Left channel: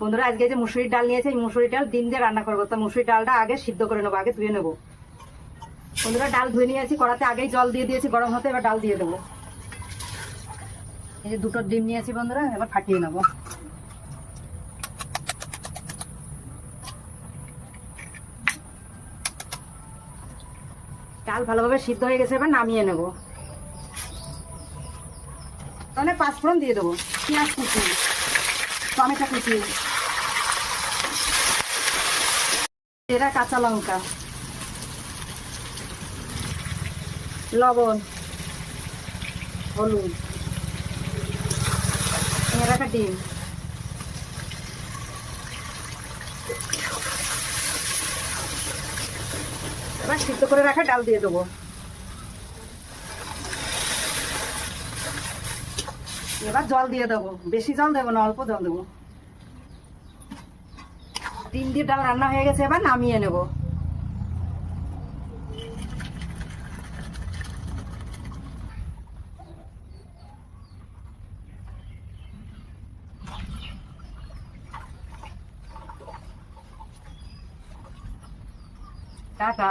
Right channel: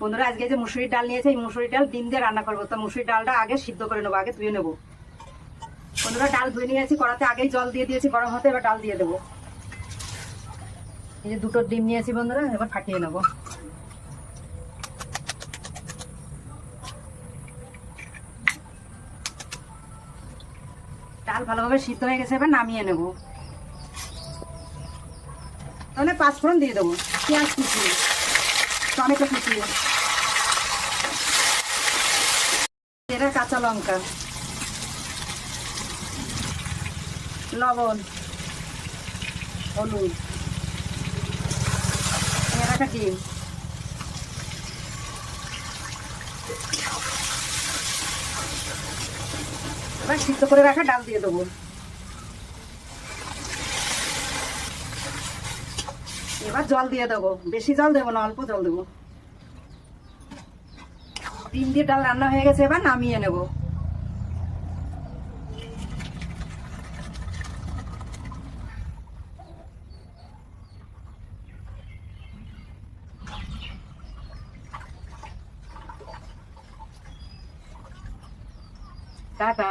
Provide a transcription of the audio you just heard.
বন্ধুরা, আজকে যে মুসুরির ডাল নিয়েছে, এই মুসুরির ডাল ডিম দিয়ে রান্না করবো। তো মুসুরির ডালটা আগে সিদ্ধ করে নেবো, আগে ধুয়ে নেবো। বন্ধুরা, ডাল ধুয়ে নিয়েছি, কড়াতে আগেই জল দিয়ে দিয়েছি গরম হতে। এবার ডাল দিয়ে দেবো। এই যে দুটো ডিম নিয়েছি বন্ধুরা, এবার ফাটিয়ে নেবো। ডাল ভালোভাবে সিদ্ধ হয়ে গেছে, এবার নামিয়ে নেব। তাহলে 5 ফোড়ন দিয়ে দেবো, পেঁয়াজ কুচি, টমেটো কুচি, জিরা, কাঁচা লঙ্কা, লবণ, হলুদ, রাখা ডিম, এবার সিদ্ধ করে রাখা ডাল দিয়ে দেবো। এবার জল দিয়ে দেবো, বেশি জল দেবো না, অল্প জল দেবো। ডিম দিয়ে ডাল রান্না হয়ে গেছে, এবার নামিয়ে নেব। টাটা।